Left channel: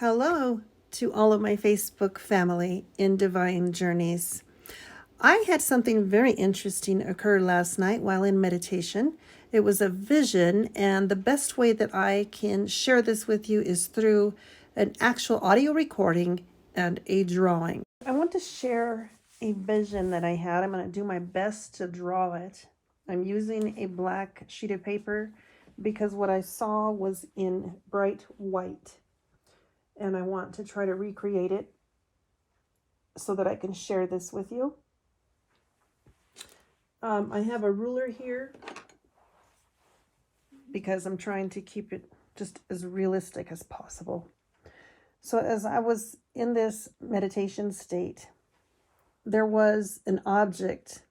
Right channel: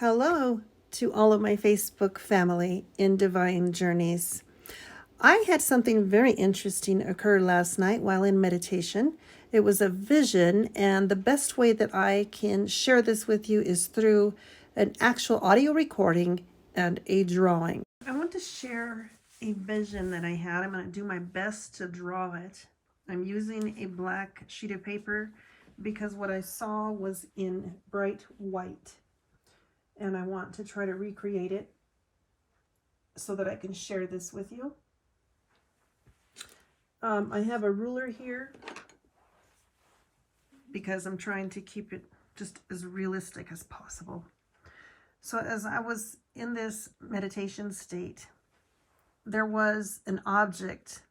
Hello to all of my Facebook family in Divine Journeys. I had something very interesting occur last night while in meditation. It was a vision, and the best way that I can share this with you is through an actual audio recording and a drawing. I want to share a vision that I had. I'm going to do my best to draw it. I'm using a black sheet of paper because what I saw was in bright white. And I want to try to recreate it so that I can share this with you. I have a ruler here because I'm trying to keep it just as realistic as possible. So as I was in this meditation state, there was an object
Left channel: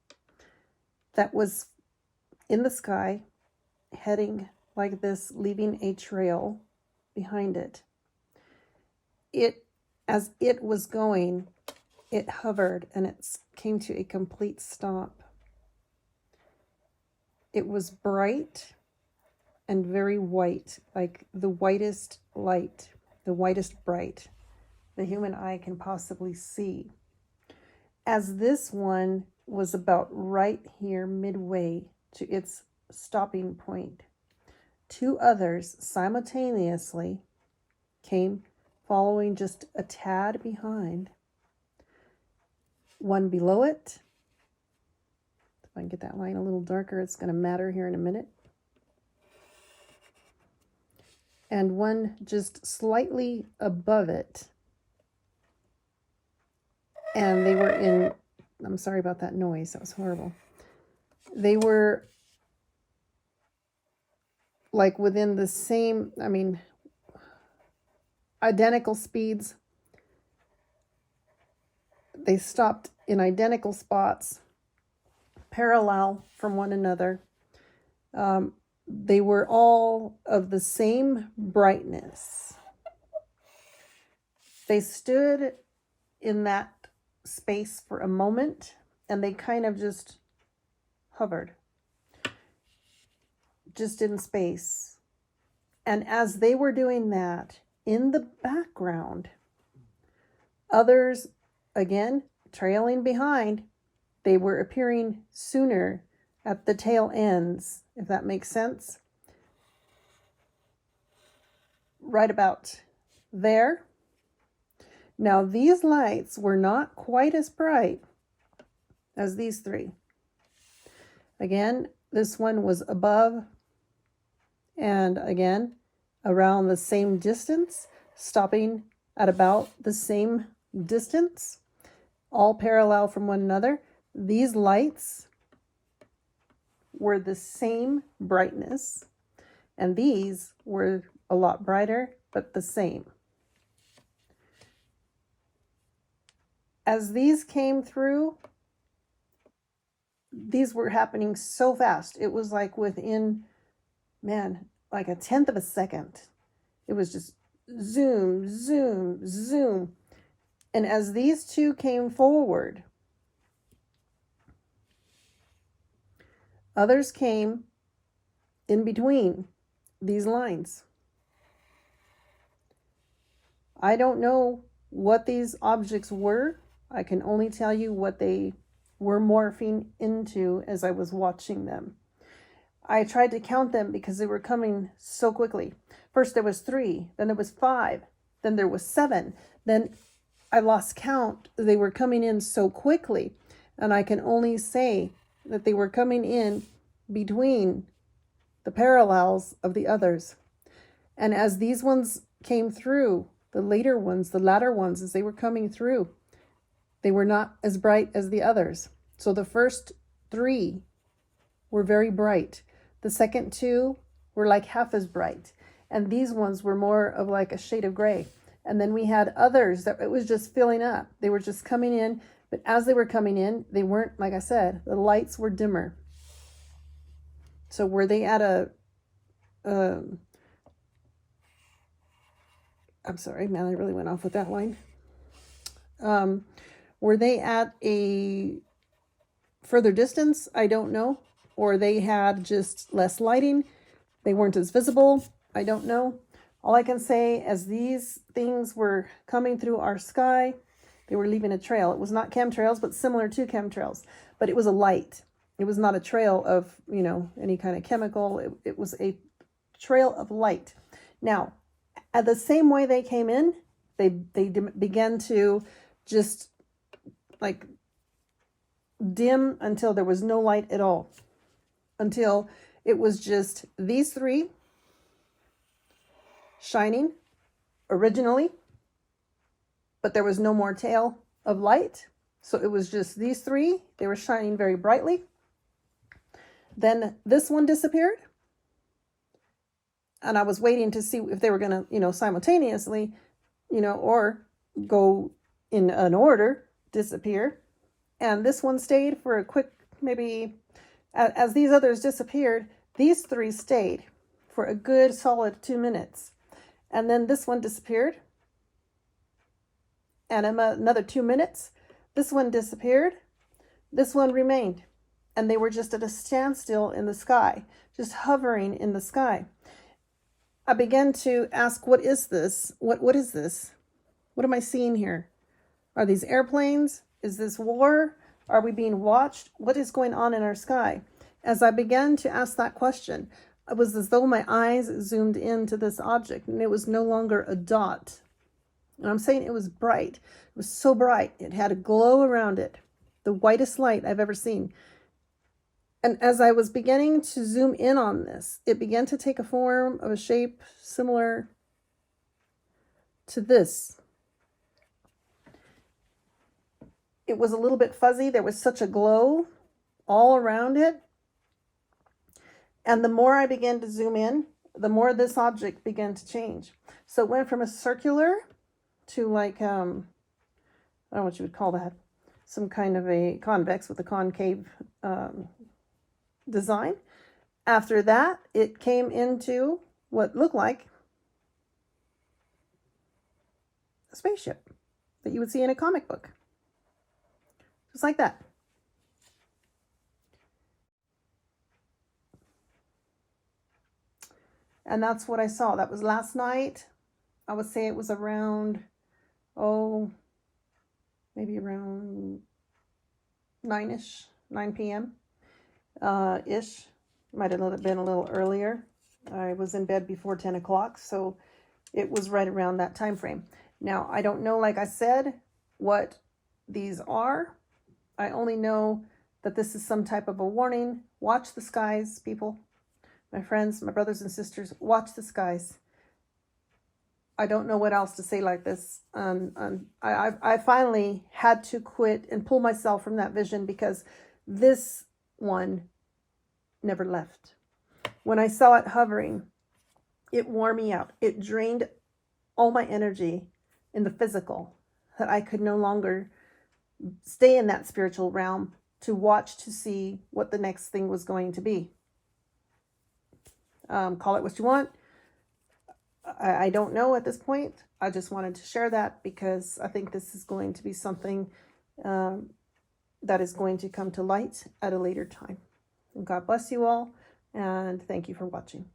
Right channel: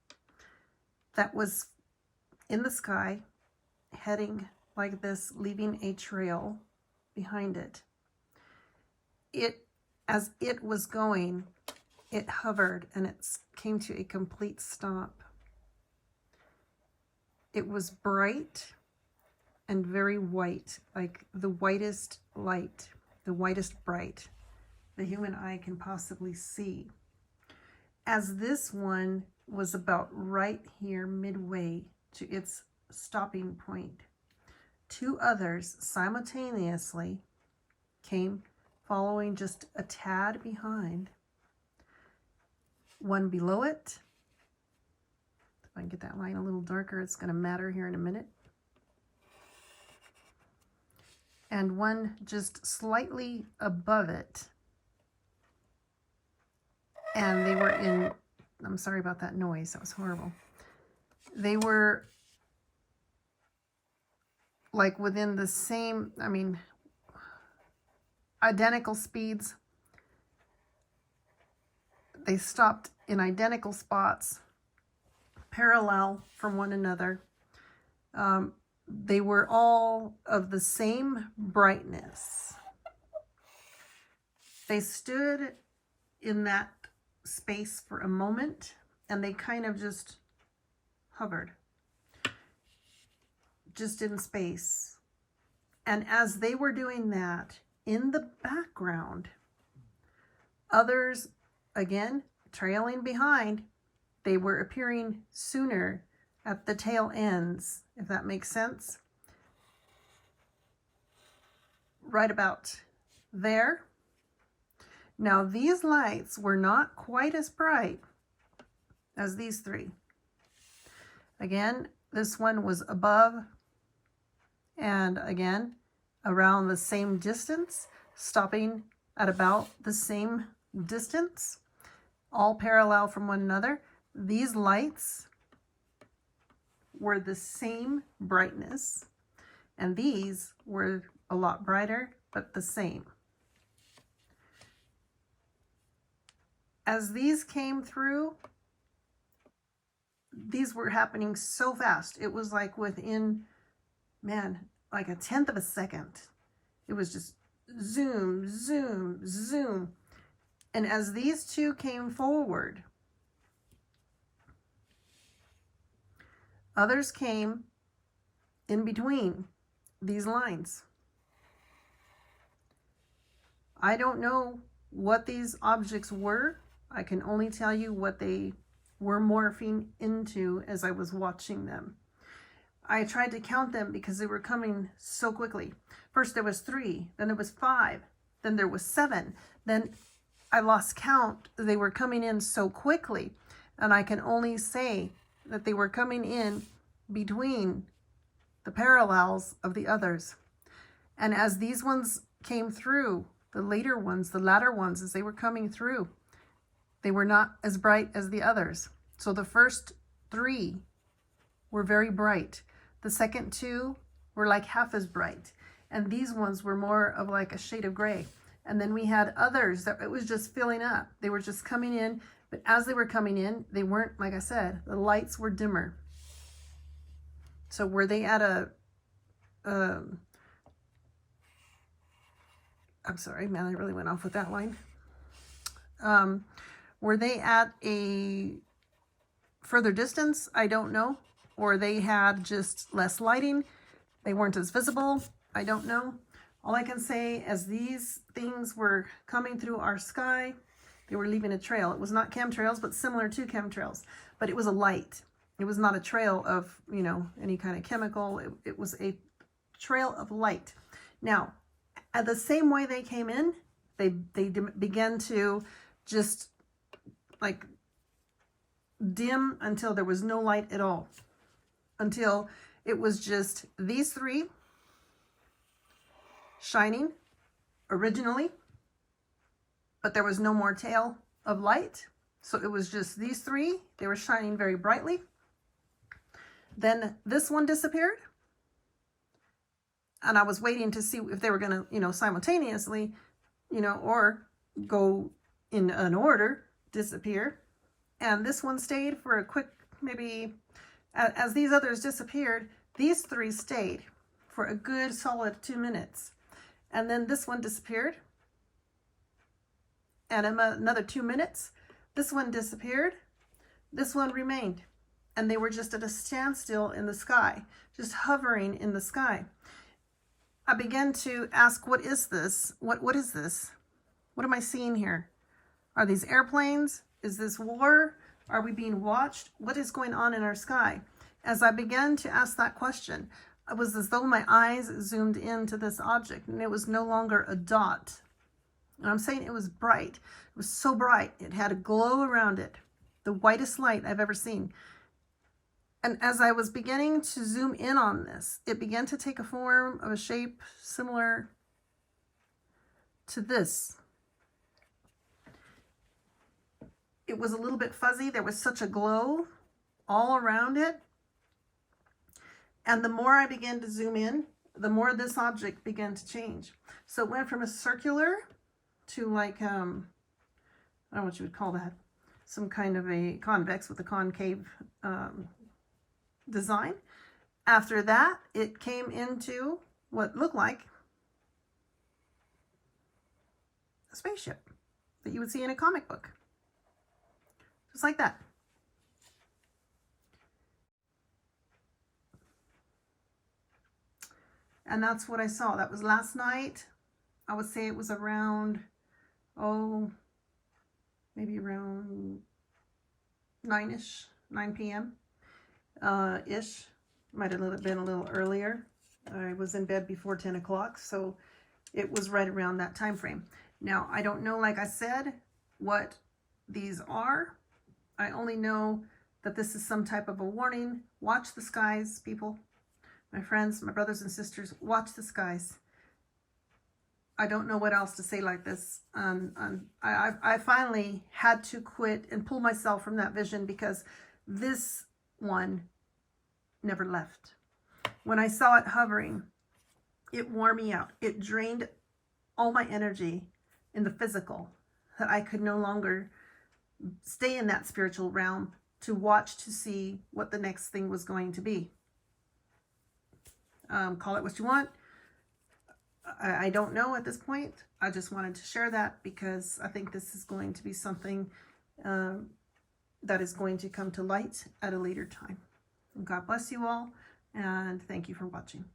that was in the sky heading like this, leaving a trail behind it. As it was going, it hovered and it came to a complete stop. It was bright and very white, like the whitest light, the whitest bright the human eye can possibly see. As this one was about right here midway to its stopping point, two others simultaneously came following just a tad behind. One below it. If I can get that line a little darker, it's going to matter here in a minute. And one just slightly above it. And they were in, I'm sorry about that noise, that was horrible. They were like within the same, identical speeds. They stopped in identical spots, parallel from one another. They were all of the same brightness. They stood in that space for a moment, and they kind of just hovered, just in space. And as they were doing that, in the background, others, again, trailing behind, they were appearing sooner at the tail ends, if that makes sense. Right about there. Now, these lights were not quite as bright as these three. Again, this one was above, and again, around the same distance, stopping at about the same distance, all parallel from one another. These lights were the same brightness, and these were a lot brighter, but the same. As these came through, these were happening so fast. It was like within, like a tenth of a second. It was just zoom, zoom, zoom. And as these two came forward, others came in between these lines. I don't know what these objects were. I can only tell you what they were morphing into as I was watching them. I tried to count them because they were coming so quickly. First there was 3, then there was 5, then there was 7. Then I lost count. They were coming in so quickly, and I can only say that they were coming in between the parallels of the others. And as these ones came through, the latter ones, as they were coming through, they were not as bright as the others. So the first 3 were very bright. The second 2 were like half as bright. And these ones were more of like a shade of gray. And then we had others that it was just filling up. They were just coming in. But as they were coming in, they weren't, like I said, the lights were dimmer. So were they at I'm sorry, man, I really went off with that line. Were they at a further distance? I don't know. Or they had just less lighting. They weren't as visible. I don't know. All I can say, as these things were coming through our sky, they were leaving a trail. It was not chemtrails, but similar to chemtrails, but it was a light. It was not a trail of, you know, any kind of chemical. It was a trail of light. Now, at the same way they came in, they began to just like dim until there was no light at all, until it was just these three shining originally, but there was no more tail of light. So it was just these three. They were shining very brightly. Then this one disappeared. And I was waiting to see if they were going to, you know, simultaneously, you know, or go in an order, disappear. And this one stayed for a quick, maybe, as these others disappeared, these three stayed for a good solid 2 minutes. And then this one disappeared. And another 2 minutes, this one disappeared. This one remained. And they were just at a standstill in the sky, just hovering in the sky. I began to ask, what is this? What is this? What am I seeing here? Are these airplanes? Is this war? Are we being watched? What is going on in our sky? As I began to ask that question, it was as though my eyes zoomed into this object, and it was no longer a dot. And I'm saying it was bright. It was so bright. It had a glow around it, the whitest light I've ever seen. And as I was beginning to zoom in on this, it began to take a form of a shape similar to this. It was a little bit fuzzy. There was such a glow all around it. And the more I began to zoom in, the more this object began to change. So it went from a circular to like, I don't know what you would call that, some kind of a convex with a concave design. After that, it came into what looked like a spaceship that you would see in a comic book. Just like that. And that's what I saw. That was last night. I would say it was around, maybe around 9 p.m. Ish. Might have been a little earlier. I was in bed before 10 o'clock, so it was right around that time frame. Now, I don't know, like I said, what these are. I only know that this is some type of a warning. Watch the skies, people. My friends, my brothers and sisters, watch the skies. I don't know what else to say like this. I finally had to quit and pull myself from that vision because this one never left. When I saw it hovering, it wore me out. It drained all my energy in the physical, that I could no longer stay in that spiritual realm to watch to see what the next thing was going to be. Call it what you want. I don't know at this point. I just wanted to share that because I think this is going to be something that is going to come to light at a later time. And God bless you all, and thank you for watching.